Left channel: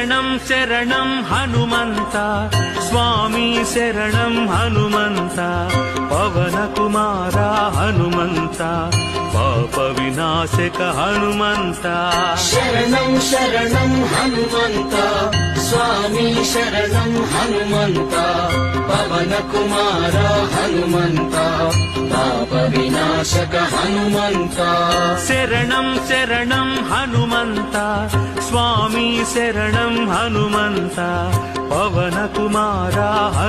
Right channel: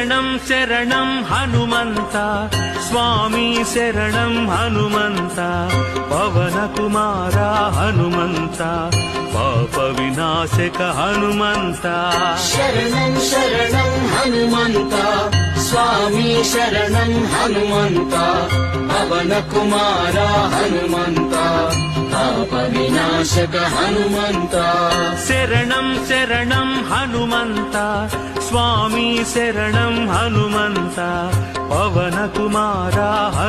శరణం శరణం హనుమంత స్వామి శరణం హనుమంత పవన కుమార హనుమంత పాప వినాశక హనుమంత శరణం శరణం హనుమంత స్వామి శరణం హనుమంత పవన కుమార హనుమంత పాప వినాశక హనుమంత శరణం శరణం హనుమంత స్వామి శరణం హనుమంత పవన కుమార